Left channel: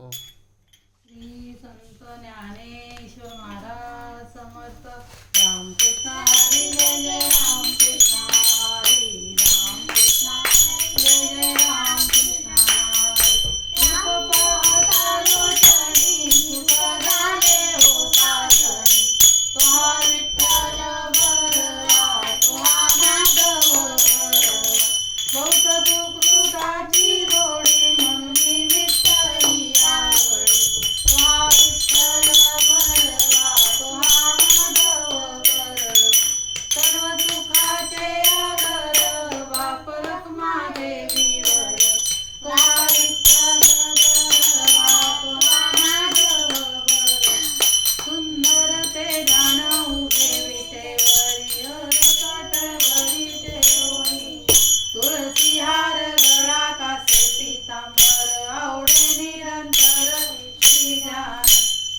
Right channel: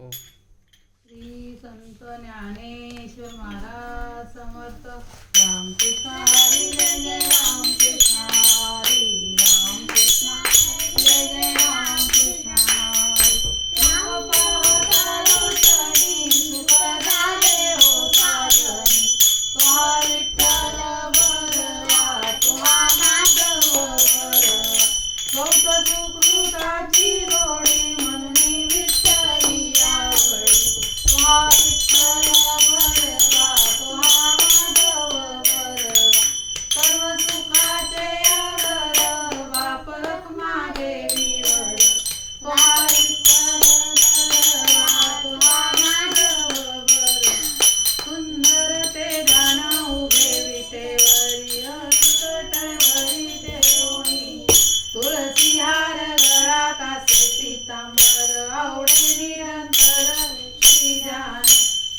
ओ श्री संत ज्ञानेश्वर महाराज समर्थ. रामकृष्ण हरी जय जय रामकृष्ण हरी. रामकृष्ण जय जय रामकृष्ण हरी. सुख पावतालो शनी सुख झाले हो साजनी. तुहा विठ्ठल बरवा तुहा माधव बरवा. बहुत सुकृताची गोडी म्हणून विठ्ठली आवडी. तुहा विठ्ठल बरवा तुहा माधव बरवा. सर्व सुखाचे आगर बाप रखुमादेवी वर. तुहा विठ्ठल बरवा तुहा माधव बरवा. सुंदर ते गाण उभे विटेवरी हरकटवरी देवणी. तुळसी हार गळा कासे पीतांबर आवडे निरंतर श्रीजान.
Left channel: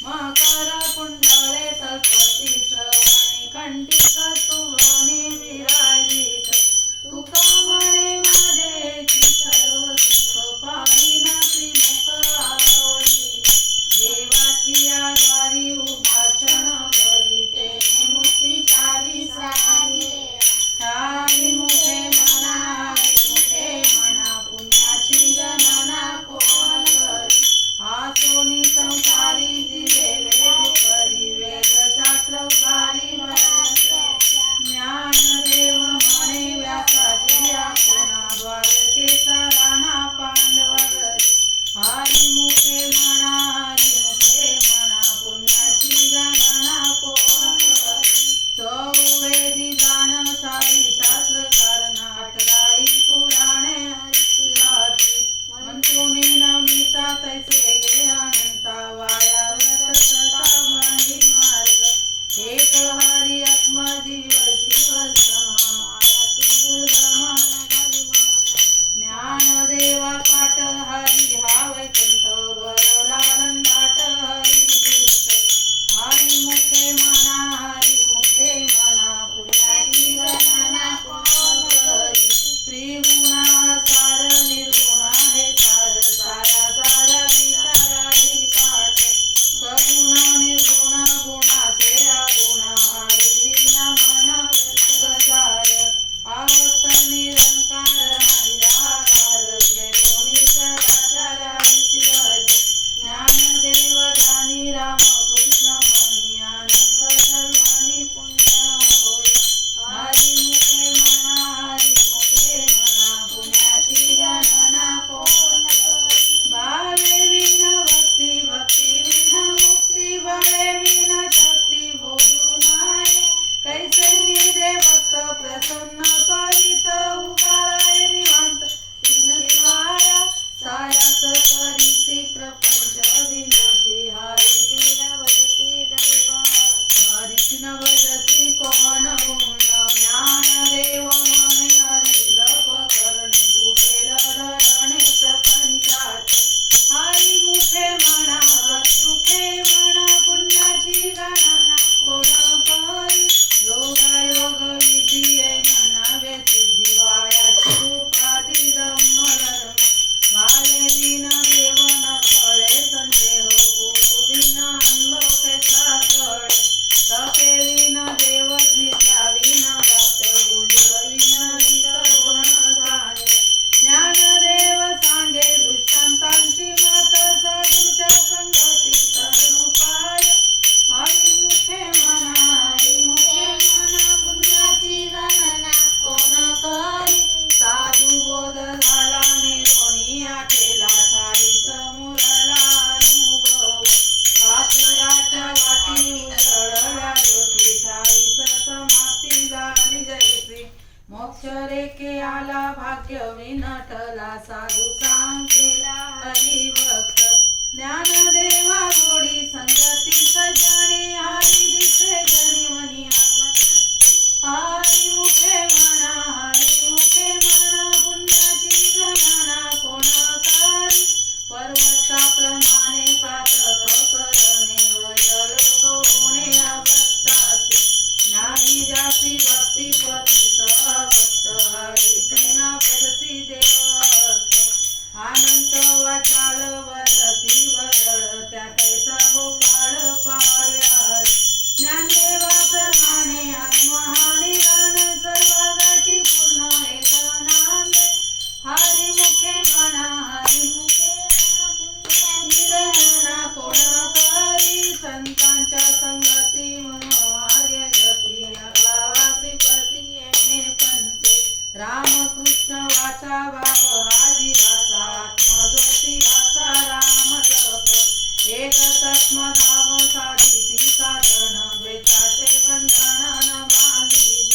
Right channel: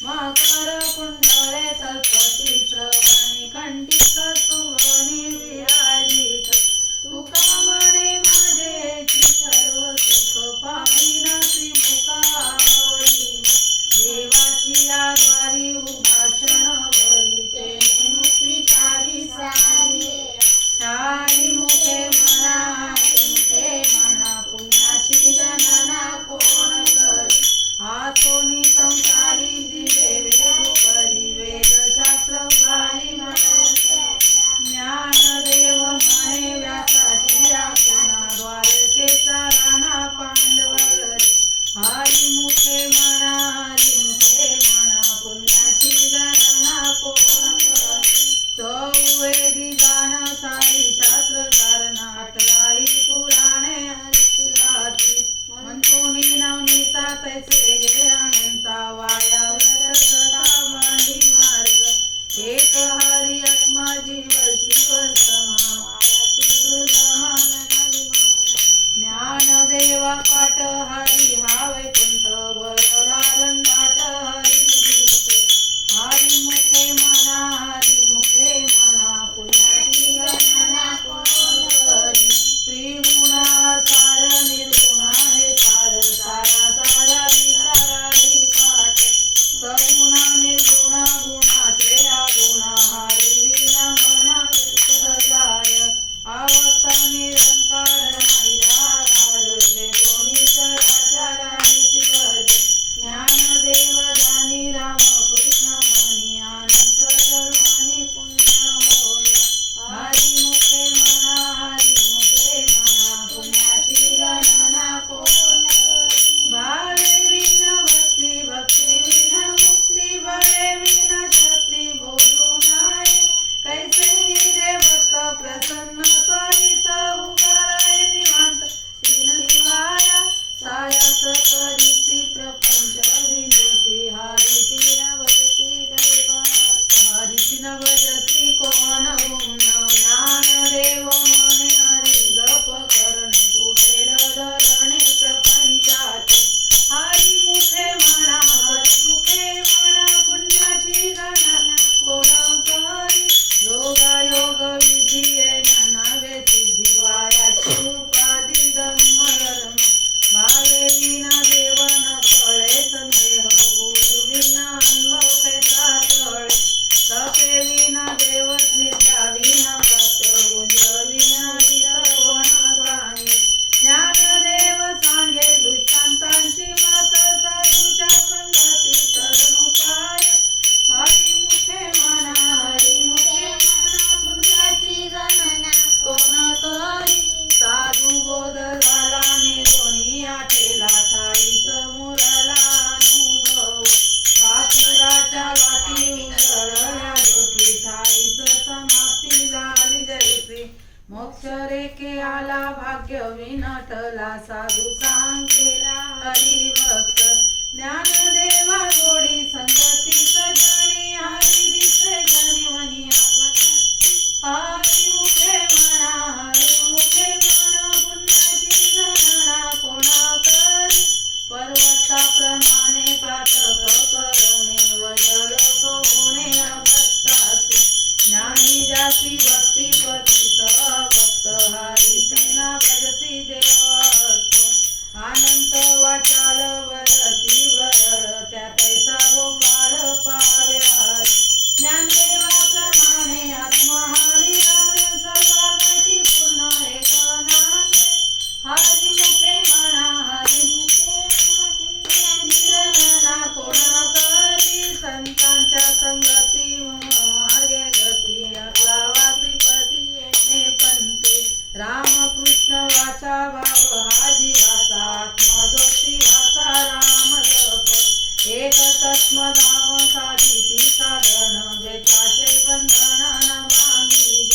मकर कुंडले सरस्वती श्रवणी कंठी कस्तुभनी विराजित. तुक म्हणे माझेची सर्व सुख पाहिन त्रिमुख आवडी. देवाची आद्वारी उभा क्षण बघिते मुक्तीचारी सारी. हरी मुखे म्हणा हरी मुखे म्हणा पुण्याची गणना कोण करी. आसोनी संसारी दिवे वेद परी वेदशास्त्र उघाडी ज्ञानदेव म्हणे व्यासाची आज्ञा द्वारकेचा राणा पांडवरी. हरी मुखे म्हणा हरी मुखे म्हणा पुण्याची गणना कोण करी. चौवेदी गान सारी शास्त्रकार नाटराई पुराणे हरिलाची. म्हणतुनी नवनीता तैसे गे अनंता वाया सता मांडी मार्ग. एक हरी आत्मा जीव शिव समा माया तुझ ज्ञानदेवा पाठ हरी हा वैकुंठ बरला रंगाट हरी दिसते. हरी मुखे म्हणा हरी मुखे म्हणा पुण्याची गणना कोण करी. त्रिगुणा सार निर्गुणा हे सार सारा सारा विचारारी पाठ. सगुणा निर्गुणा गुणाचे अगुणा हरी विना मना सजाय. आवक्त निरंकार नाही जाकार जे कोणी चराचर हरीची भजे. ज्ञानदेव जानी राम कृष्ण म्हणी अनंत जन्मानी पुण्य होय. हरी मुखे म्हणा हरी मुखे म्हणा पुण्याची गणना कोण करी. भावे विन भक्ती भक्ती विन मुक्ती भले विन शक्ती बोलू नये. कैसे निधे भक्त प्रसन्न त्वरित उगाराय निवांत तीन शिवाय. सायास करीसी प्रपंच दिनोषी हरिसी न भजती दैवत. हरिसी न भजती कोण गुण. ज्ञानदेव म्हणे हरी जप करणे तुटेल धरणे प्रपंचाचे. हरी मुखे म्हणा हरी मुखे म्हणा पुण्याची गणना कोण करी. योगायोग विधी नवे सिद्धी वायाची उपाधी धम्म धर्म. भावे विना देव न कळे संदेह गुरु विना अनलोकेचा कळे. तपे विना देव विद्या विना वाक्य गुंज विना वित कोण सांगे. ज्ञानदेव सांगे दृष्टांतांची मत साधूच्या संगती करून उपाय. हरी मुखे म्हणा हरी मुखे म्हणा पुण्याची गणना कोण करी. साधू बोध झाला निरोनी आठेला ठाई समोरला अनुभव. पाचुराच्या गाठी उसळला ज्योती ठाईच समाप्ती झाली जैसी. मोक्ष रेखे आला भाग्य विनटला साधू सांगेला हरिभक्त. ज्ञानदेवा गोडी संगती सजणी हरी दिसे गणिवनी आत्मशक्ती. हरी मुखे म्हणा हरी मुखे म्हणा पुण्याची गणना कोण करी. पर्वताप्रमाणे पातक करणे वजल होणे अभक्तासी. ज्ञानी जासी भक्ती पती सहभक्त हरी ना भजसी देवत. अनंत वाचाळ वरती वर एक तत्मनाम साधिती साधन जेताचे बंधन न बांधीज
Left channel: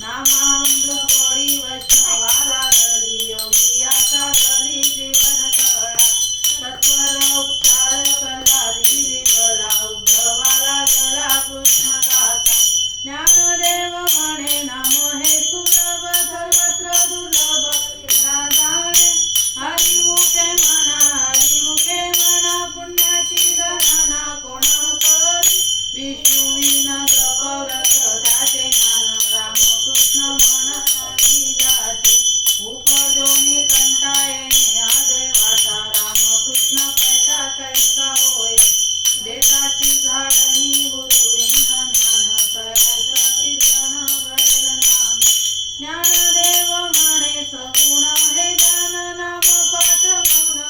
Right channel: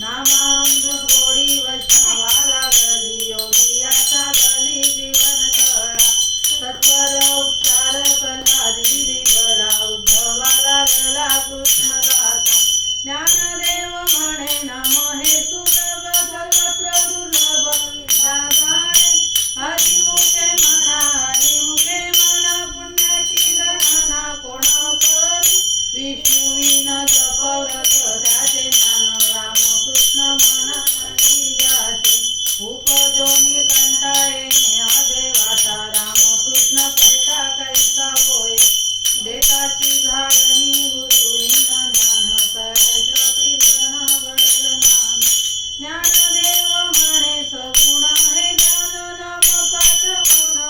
नामामृत गोडी वैष्णवाला गली योगिया साधली जीवन कळा सत्वर उपचार प्रल्हादी विगळा उद्धवाला गला कृष्ण गाता ज्ञानदेव म्हणे नाम हे सुलभ सर्वत्र दुर्लभ या जाणे हरिमुखे म्हणा पुण्याची गणना कोण करी विष्णू विन जपवत त्याचे ज्ञान रामकृष्ण म्हणा जाते उपजोनी कंटाळेने आगे वाटा रामकृष्ण कैसा कैसा होय देताची झाडणी गुरुविन ज्ञान सरस कीर्तन वडल नाम ज्ञानदेव म्हणे सगुण हे ज्ञान नाम पाठ कोण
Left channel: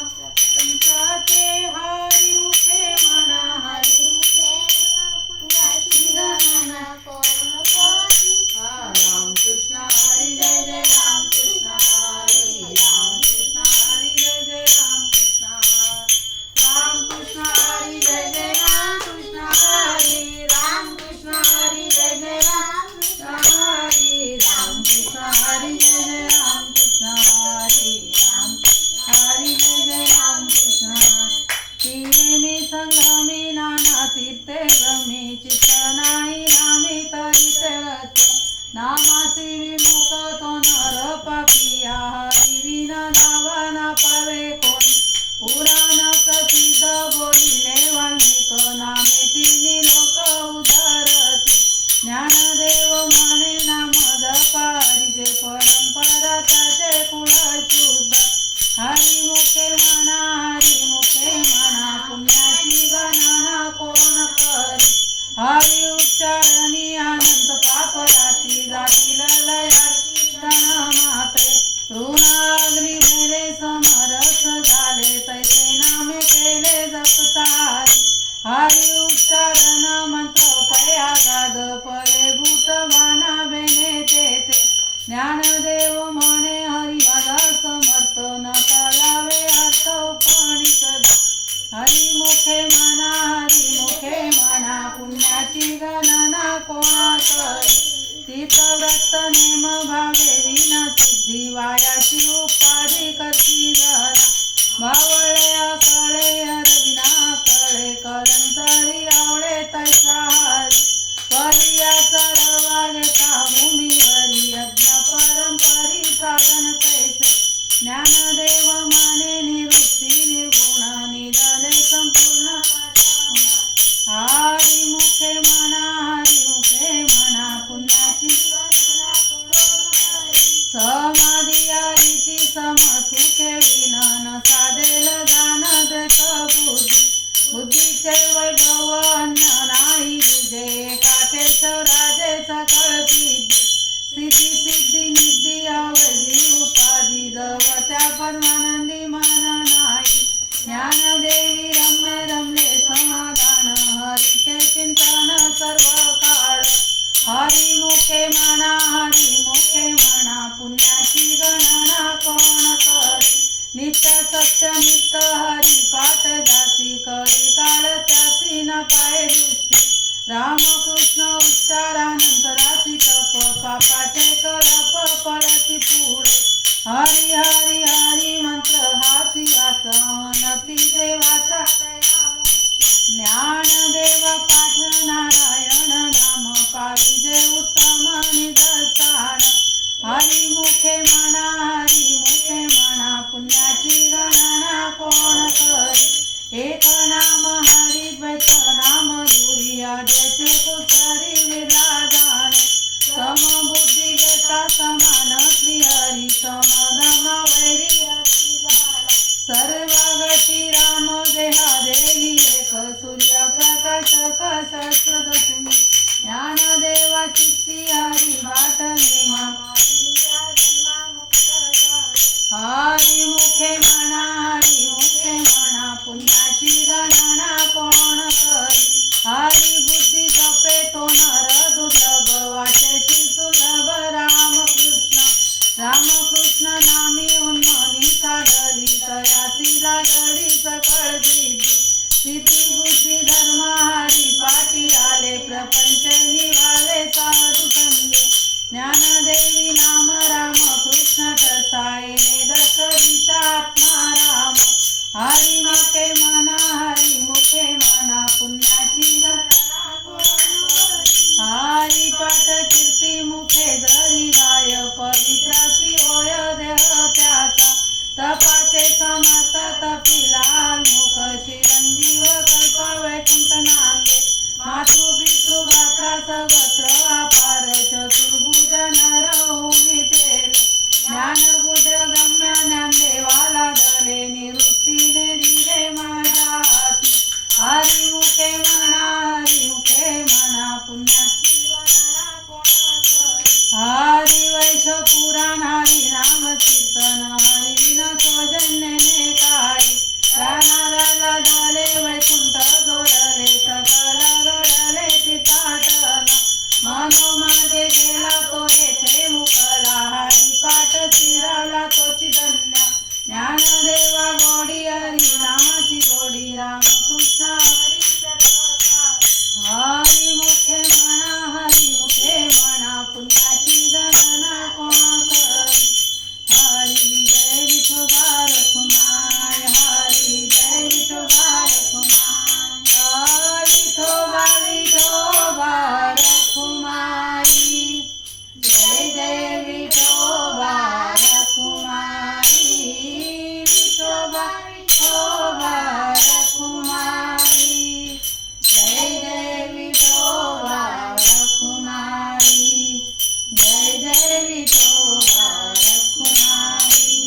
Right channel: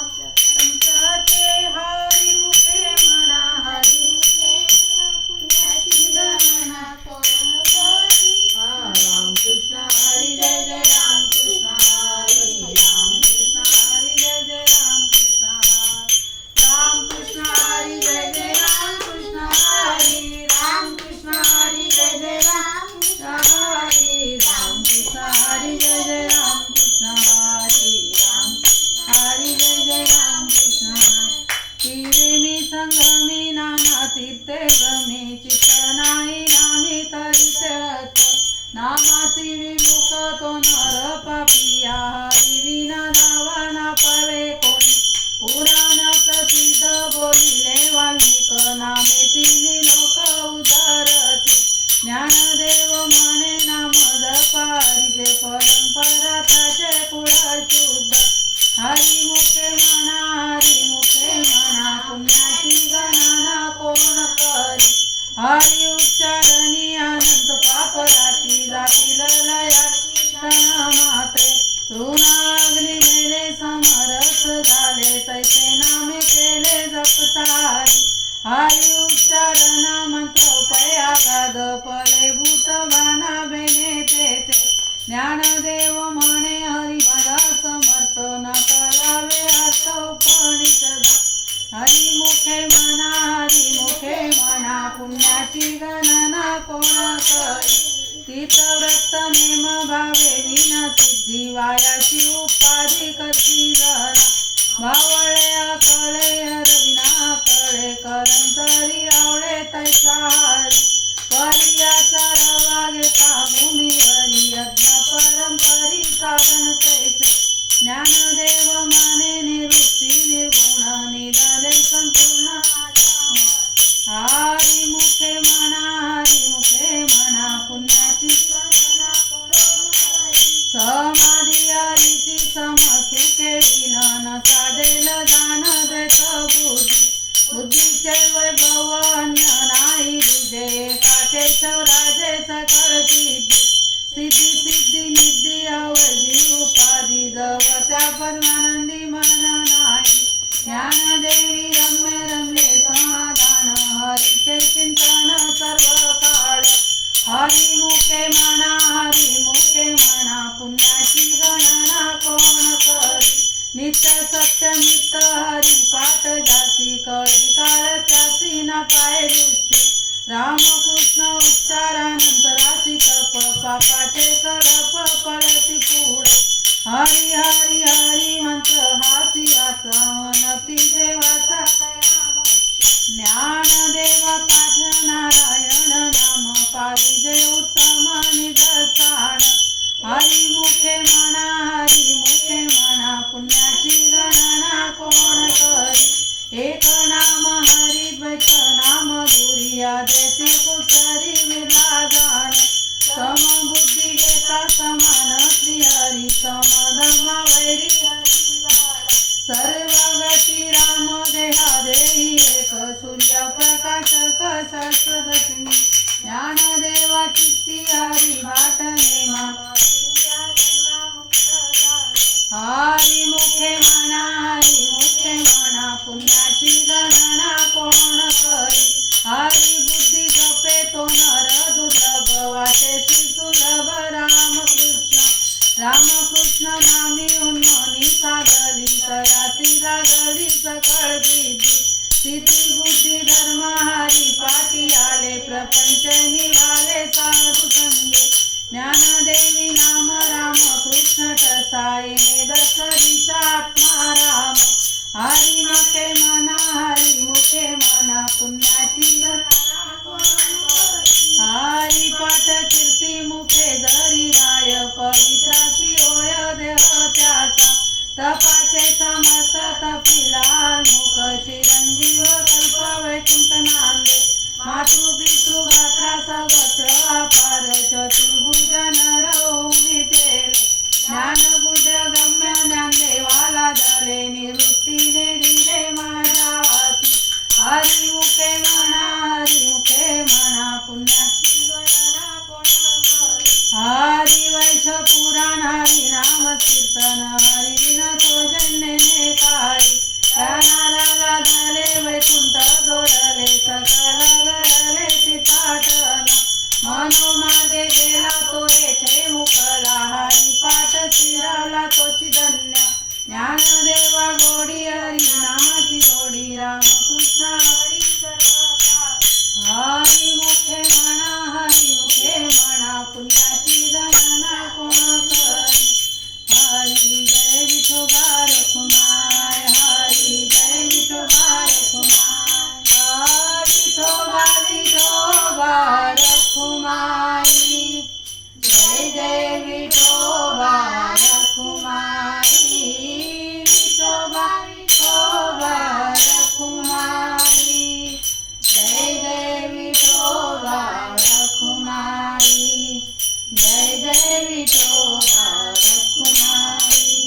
पंचाचे हरिमुखे म्हणा हरिमुखे पुण्याची गणना कोण करी रामकृष्ण हरी जय जय रामकृष्ण हरी रामकृष्ण हरी जय जय रामकृष्ण रामकृष्ण हरी जय जय रामकृष्ण हरी रामकृष्ण हरी जय जय रामकृष्ण हरी रामकृष्ण हरी जय जय रामकृष्ण हरी रामकृष्ण हरी जय जय रामकृष्ण तीरे मी संगमी नाना तीर्थे भ्रमी चित्त नाही नामी तरी तेळत नामासी विमुख तो नर पापिया हरी विना नावा ना पवे कोणी पुराण प्रसिद्ध बोलिले वाल्मिक नामे तिन्ही लोक उदारती ज्ञानदेव म्हणे नाम जपारिजे परंपरा त्याचे कुळ शुद्ध हरिमुखे म्हणा पुण्याची गणना कोण करी हरि उच्चारणी अनंत पाप राशी जातील लयाची क्षण माते ऋणाग्नी मेले समरस झाले तैसे नामे केले जपतारी हरि उच्चारण मंत्र पयागाद फले भूत बाना बेने तेथे ज्ञानदेव म्हणे हरि माझा समर्थ न कळावे अर्थ उपनिषद हरिमुखे म्हणा पुण्याची गणना कोण करी तीर्थव्रत नेम भावे विना सिद्धी वायाशी उपाधी करती जरा भावळे कळे हरविना कळे करंतरी आवळे तैसा हरी परियाचा रवा घेता भूमीवरी यज्ञ परंपरी साधन तैसे ज्ञानदेव माने निवृत्ती निर्गुण निधले संपूर्ण हरिमुखे म्हणा पुण्याची समाधी हरीची समसुखे विन साधेल जाण देत बुद्धीचे वैभव अन्न नाही तुझे काटेश्वराजे सकळ सिद्धी निधी अवधी उपाधी जव त्या परमानंदी मन नाही ज्ञानदेवी रम्य रमले समाधान हरीचे चिंतन सर्व काळ हरिमुखे म्हणा पुण्याची गणना कोण करी नित्य सत्यमित हरी पाठ जासी कळी काळ त्यासी न पाय दृष्टी रामकृष्ण उच्चारानंतराची तप पापाचे कलप पळती पुढे हरी हरी हरी मंत्र हासी वाचनती देवाचा ज्ञानदेवा पाठ नारायण नाम पारिजे उत्तम निदर्शन हरिमुखे म्हणा पुण्याची गणना कोण करी एक नाम हरिद्वैत नाम दुरिया देते कुसरी विराजने समबुद्धी घेता समान श्रीहरी समधमा वैरी सर्वगती राम देहा देही एक सूर्यप्रकाशक सहस्रदर्शिनी ज्ञानदेवा चित्ती हरी भाट नेमा हरिमुखे म्हणा पुण्याची गणना कोण करी हरी बुद्धी जपे तो नर दुर्लभ वाचेशी सुलभ रामकृष्ण नामी उन्मनी सागरी तयासी लागली सकळ दिदी स्थिती बुद्धी धर्म हरी पाठी आले प्रपंच निवाले साधू संगे ज्ञानदेवी नाम राम कृष्ण कसाईने दशरीचा आत्मा राम हरी मुखे म्हणा हरी मुखे म्हणा पुण्याची हरी पाठ कीर्ती मुखे जरी गाय पवित्राची होय देह त्याचा तपाचे समत तपिलाल मुख चिरंजीव कल्प वैकुंठ नांदे मातृ पितृ गात्रा सगत्र अपार चतुर्भुज नर विठेले ज्ञानगुढ गम्य ज्ञानदेवाला दले निवृत्तीने दिले माझ्या हाती हरी मुखे म्हणा पुण्याची हरी वैश पुराण हरी नाम कीर्तन हरी विना सौजन्यने काही त्या नाराला झाले वैकुंठ जोडले सकल लढले चिताटन मनोमागे गेला तो येथे मुकला हरी पाठ शिराला तोची धन्य ज्ञानदेवा गोडी हरी नामाची गोडी रामकृष्ण हरी हरी मुखे म्हणा पुण्याची गणना कोण करी हरी जय विठोबा रखुमाय हरी जय विठोबा रखुमाय विठोबा विठोबा रखुमाई जय जय विठोबा रखुमाई विठोबा विठोबा रखुमाई जय जय विठोबा रखुमाई जय जय विठोबा रखुमाई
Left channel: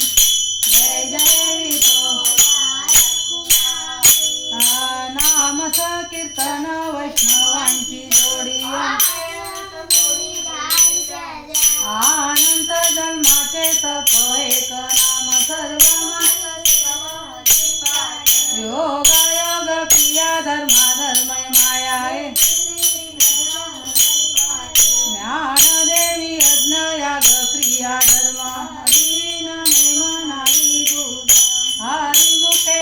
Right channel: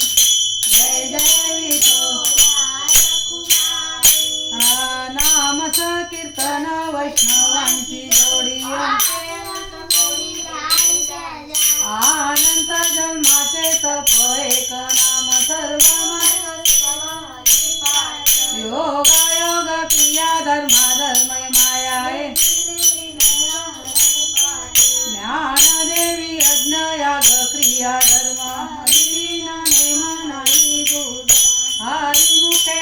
जय जय विठोबा रखुमाई नाम कीर्तन वैष्णवांची जोडी अनंत जन्माचे तप एक नाम सर्व योग क्रिया धर्म माया ज्ञानदेवी यज्ञ याग क्रिया धर्म हरी नेम नाही दूध हरी मुखे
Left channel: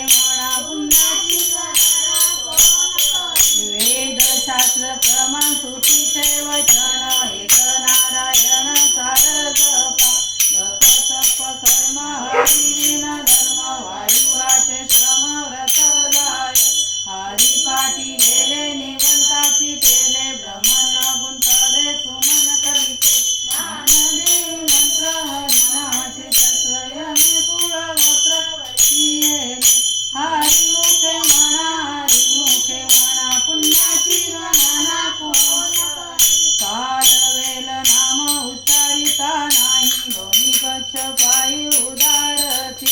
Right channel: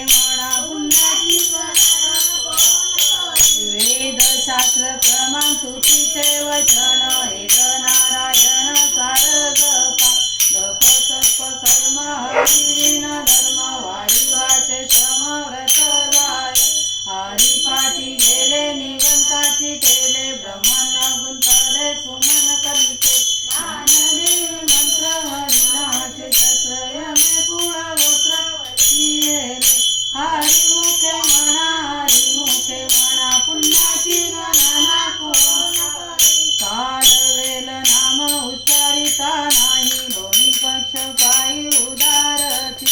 म्हणा पुण्याची वेद शास्त्र प्रमाण श्रुतीचे वचन एक नारायण सार जपा जप तप कर्म हरी विना धर्म वायुवाचे समव्रत जाय हरी पाठी गेले निगंताची केले ब्रह्मण गुंतले सुमन कलिते ज्ञानदेवी मंत्र हरिनाचे संयमे कुळा वस्त्र हरी मुखे म्हणा पुण्याची गणना कोण काल वेल नाम उच्चारिता नाही दोन्ही पक्ष पायी उदारती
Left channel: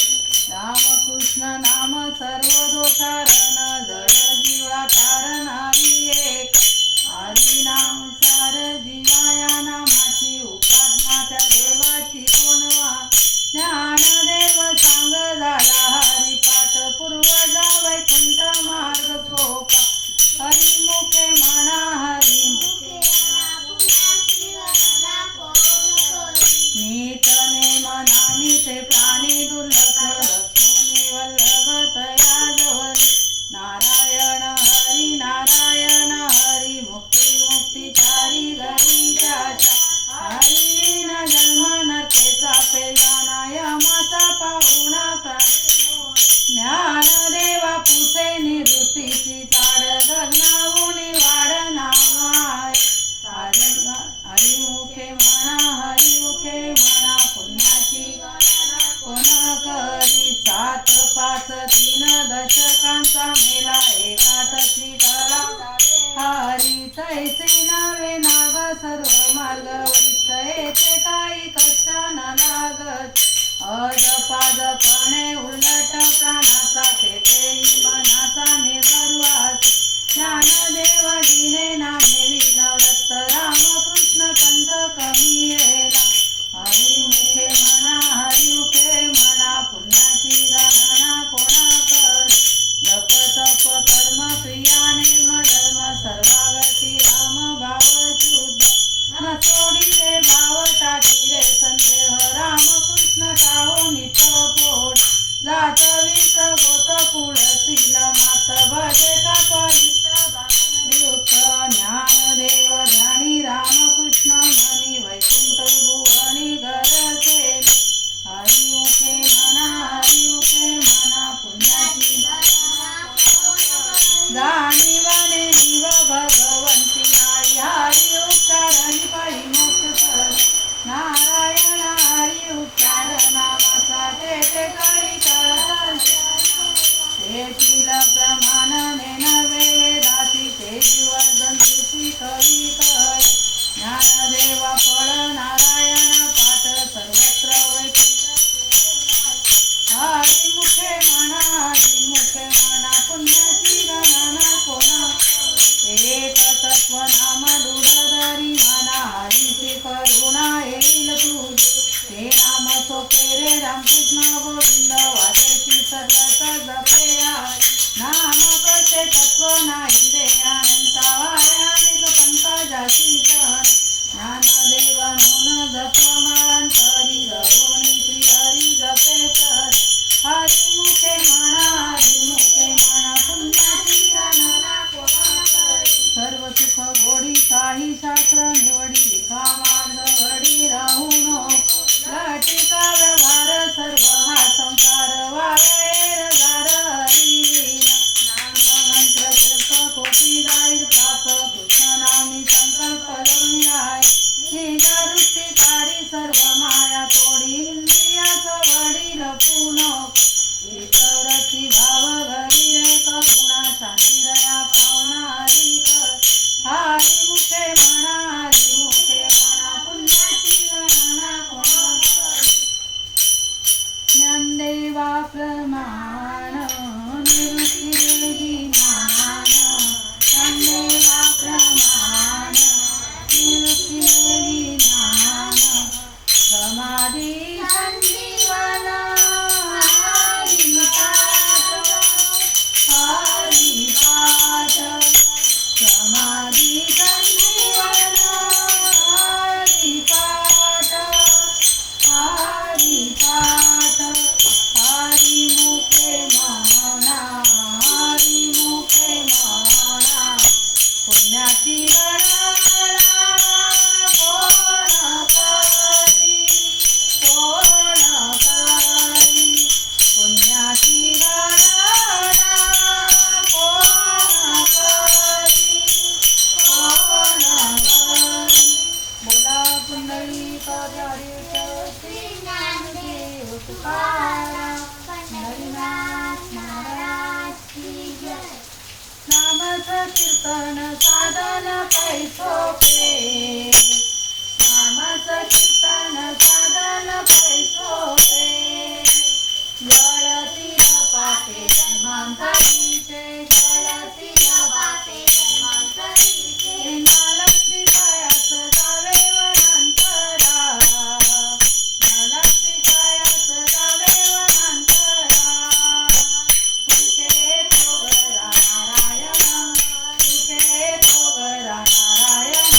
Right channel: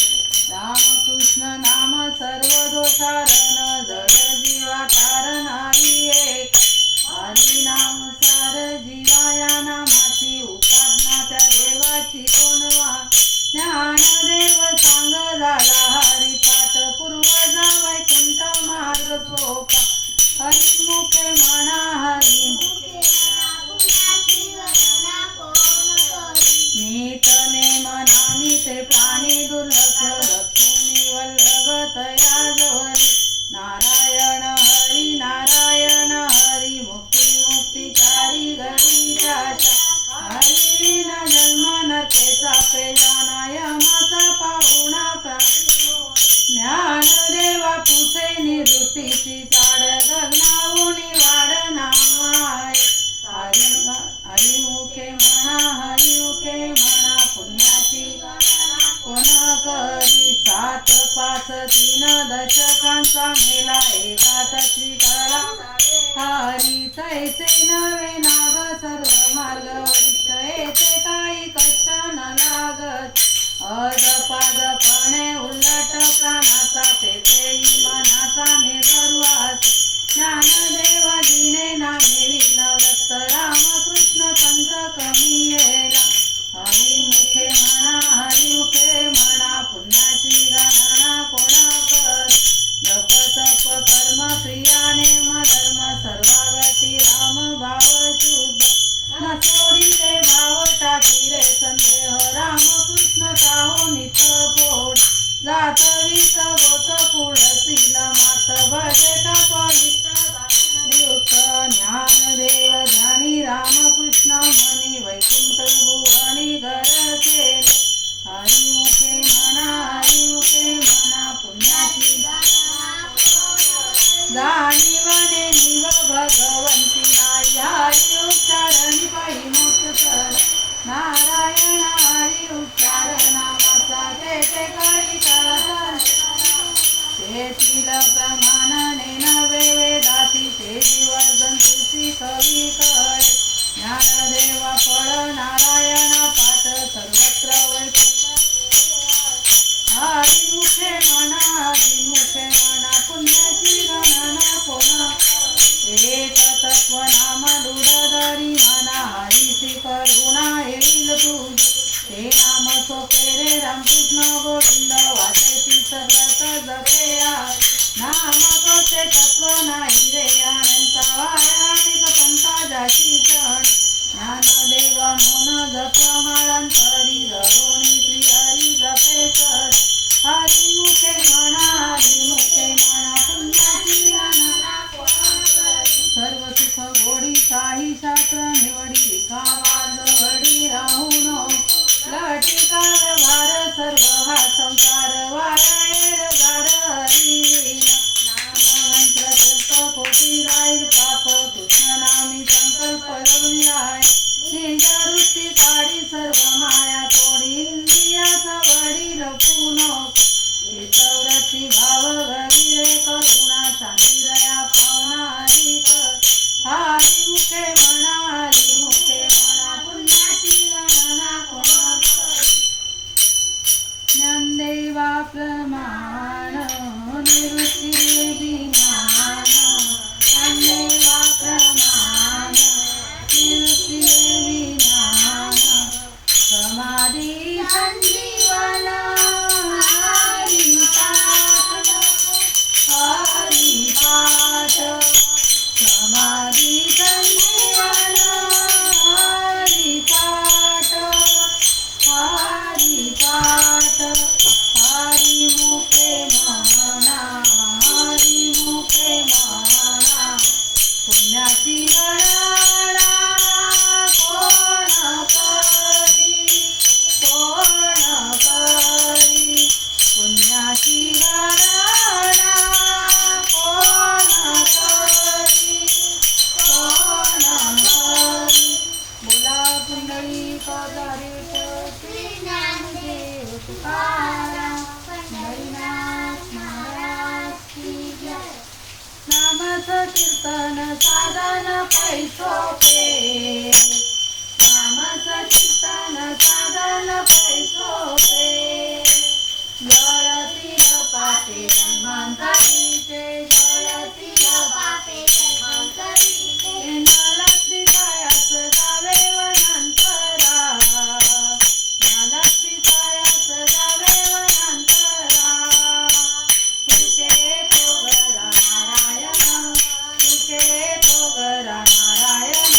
रामकृष्ण नाम सर्व दोषारण जड जीवा तारणारी एक हरी नाम सार जीवा या नामाची उपासना त्या देवाची कोणवा ज्ञानदेव सांग झाला हरी पाठ पूर्वजा वैकुंठ मार्ग सोपा हरी मुखे म्हणा हरी मुखे नीत नेम नामिते प्राणी दुर्लभ लक्ष्मी वल्लभ तया जोरी नारायण हरी मुक्तिकारी गणिताच्या हरी न जन्म नरकेचा पेजाना यमाचा पाहुणा ज्ञानदेवा पुसे निवृत्तीची चाड गगनाहुनी वाढ नामाय हरी मुखे म्हणा पुण्याची कोण करी 7 5 3 दशकांचा मेला एकात श्रीकळा हरी तैसे नवे नाग सर्व मार्ग वरिष्ठ येथे काही कष्ट न लागत अजपाजपणे उलट प्राणाचा तेथेही मनाचा निर्वास ज्ञानदेवा दिने नामेवी नवरत्त रामकृष्ण पंत कमी येला हरी मुखे म्हणा पुण्याची गणना कोणा कर जप तप कर्म प्रियाने धर्म सर्वागती राम भाव शुद्ध न सोडी रे भाव टाकी रे संदेह रामकृष्ण काहो नित पोट जात वीत गोत कुळ कृष्ण म्हणी वैकुंठ भुवनी घर केले हरिमुखे म्हणा पुण्याची जाणीवाने निव भगवंती नाही हरी उच्चारणी पायी मोक्ष सर नारायण हरी उच्चार नामाचा ते कळीत तेथील प्रमाणाने नवे वेदाती ते दिवस तुसी कवी कळे ज्ञानदेवा फळ नारायण पाठ सर्वत्र हरिमुखे म्हणा पुण्याची गणना कोण एक तत्व नाम दुडधरी म्हणा हरीची करुणा येईल तुझ हे नाम सोपे रे रामकृष्ण गोविंद वाचायची सगळं जपया नाम कोचे तत्व नाही रे अनंता वायानिक पंकजाची चण ज्ञानदेवा मोन जप माळांतरी रघोनी श्री हरी जपे सर हरिमुखे म्हणा पुण्याची गणना सर्व सुख गोडी काही शास्त्र निवडी रिकामा जवडी राहू नको लटिका व्यवहार सर्व हा संसार वायर गाड हरिविना नाममंत्र जप कोटी जाईल पाप कृष्ण नामी संकल्प लग्नी आहे निजवृत्ती काढी सर्व माया तोडी इंद्रियाचा वडील पुनो चित्तवृत्ती भाव घरी रे करुणा शांती दया पावना हरी कर हरिमुखे म्हणा पुण्याची गणना कोण ज्ञानदेवा प्रमाण निवृत्ती विज्ञान ज्ञानदेवा प्रमाण निवृत्ती विज्ञान समाधी संजीवन हरिपाठ समाधी संजीवन हरिपाठ हरिमुखे म्हणा पुण्याची गणना कोण करी पुण्याची गणना कोण करी बोला पुंडलिकाधारित श्री ज्ञानदेव तुकाराम हरिनाथ महाराज की जय नामच कीर्तन साधन पैसोपे नामच कीर्तन साधन पैसोपे जळतील पापे जन्मांतरीचे जळतील पापे जन्मांतरीचे नलक्ष्मी कायास जावे वनांतरा नलक्ष्मी कायास जावे वनांतरा तुझे तो गरा नारायण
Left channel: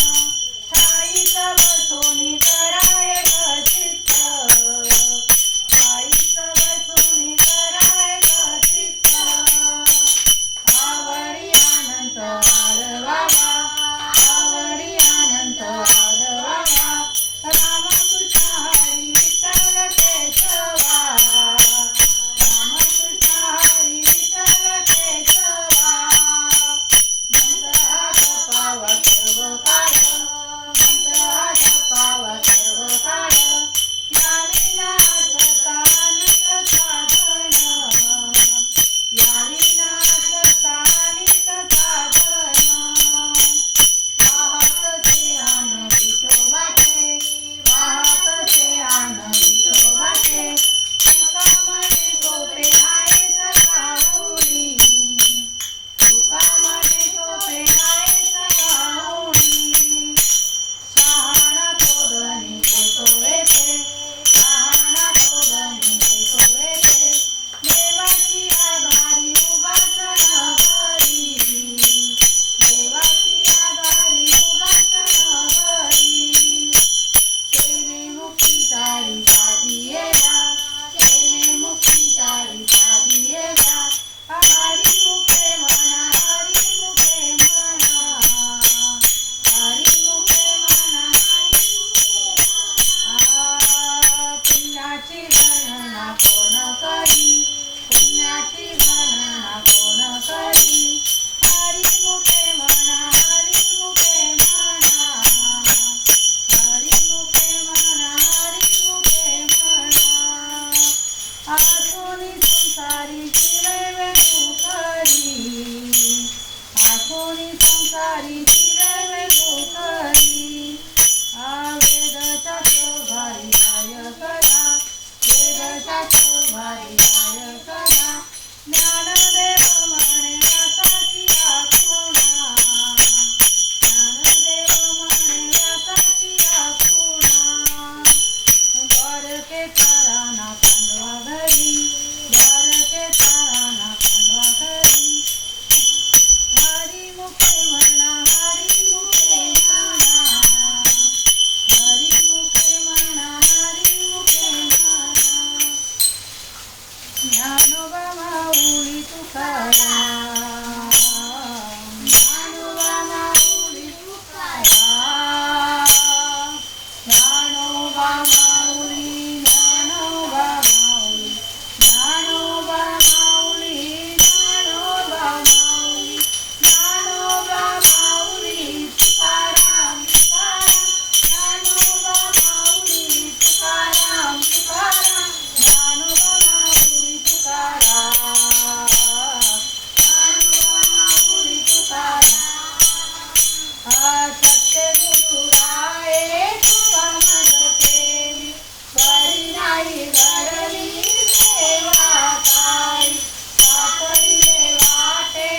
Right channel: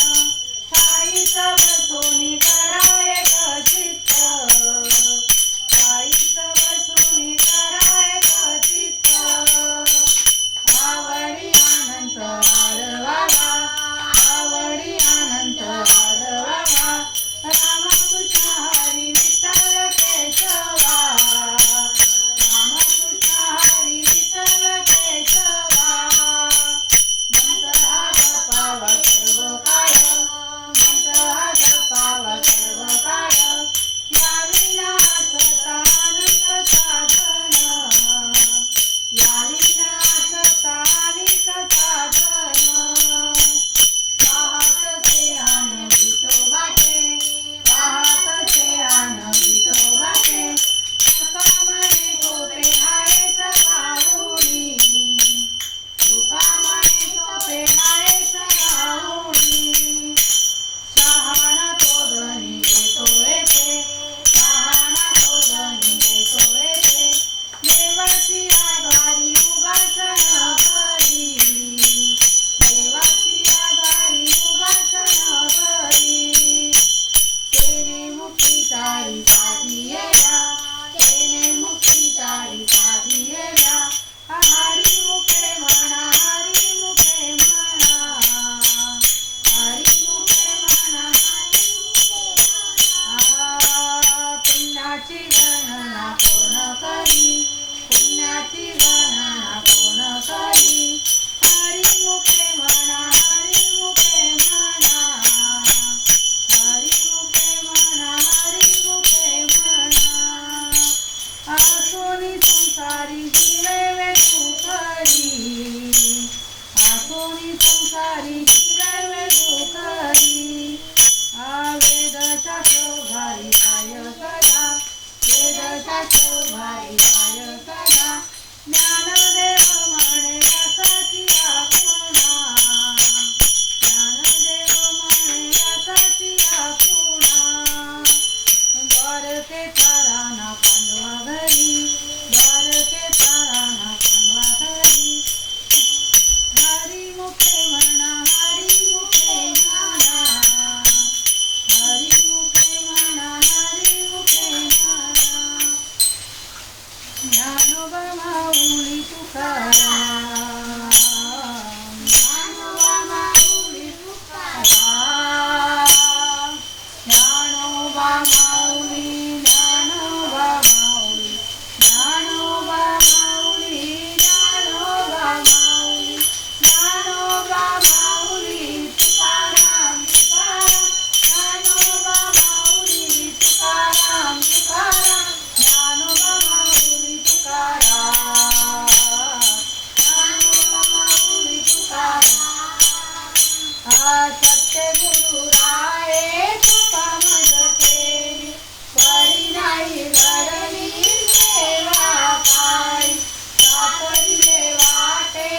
माऊली ज्ञानोबा माऊली तुकाराम तुकाराम ज्ञानोबा माऊली तुकाराम तुकाराम ज्ञानोबा माऊली तुकाराम ज्ञानोबा माऊली तुकाराम सत्यगुरु राये तुका मज केली बरी नाही घडली सेवा काय सापडले वाटे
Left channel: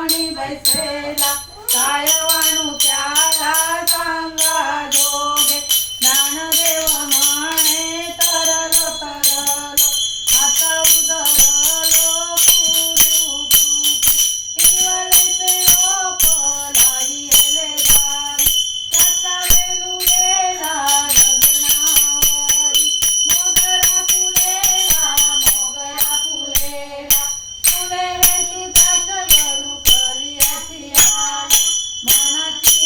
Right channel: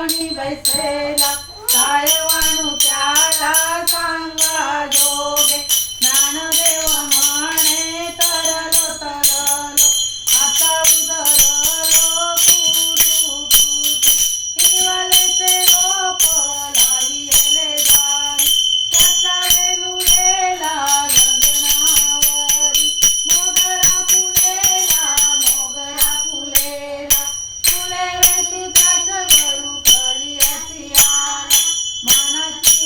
कोणी बैसेला काय वाणू त्याला सांगा जोगे ज्ञानदेव म्हणे तरलो तरलो आता उजरलो कुरुकुटे इवलेचे रोप लागले दारी त्याचा वेलू गेला गगनावरी मोगरा फुलेला फुले वेचू त्याच वरू करी असी आला मनाची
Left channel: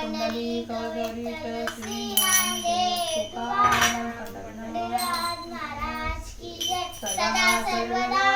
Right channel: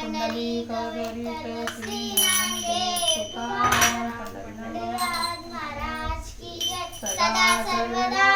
पुंडलिक गरुड श्री ज्ञानदेव तुकाराम महाराज की जय. सदा सर्वदा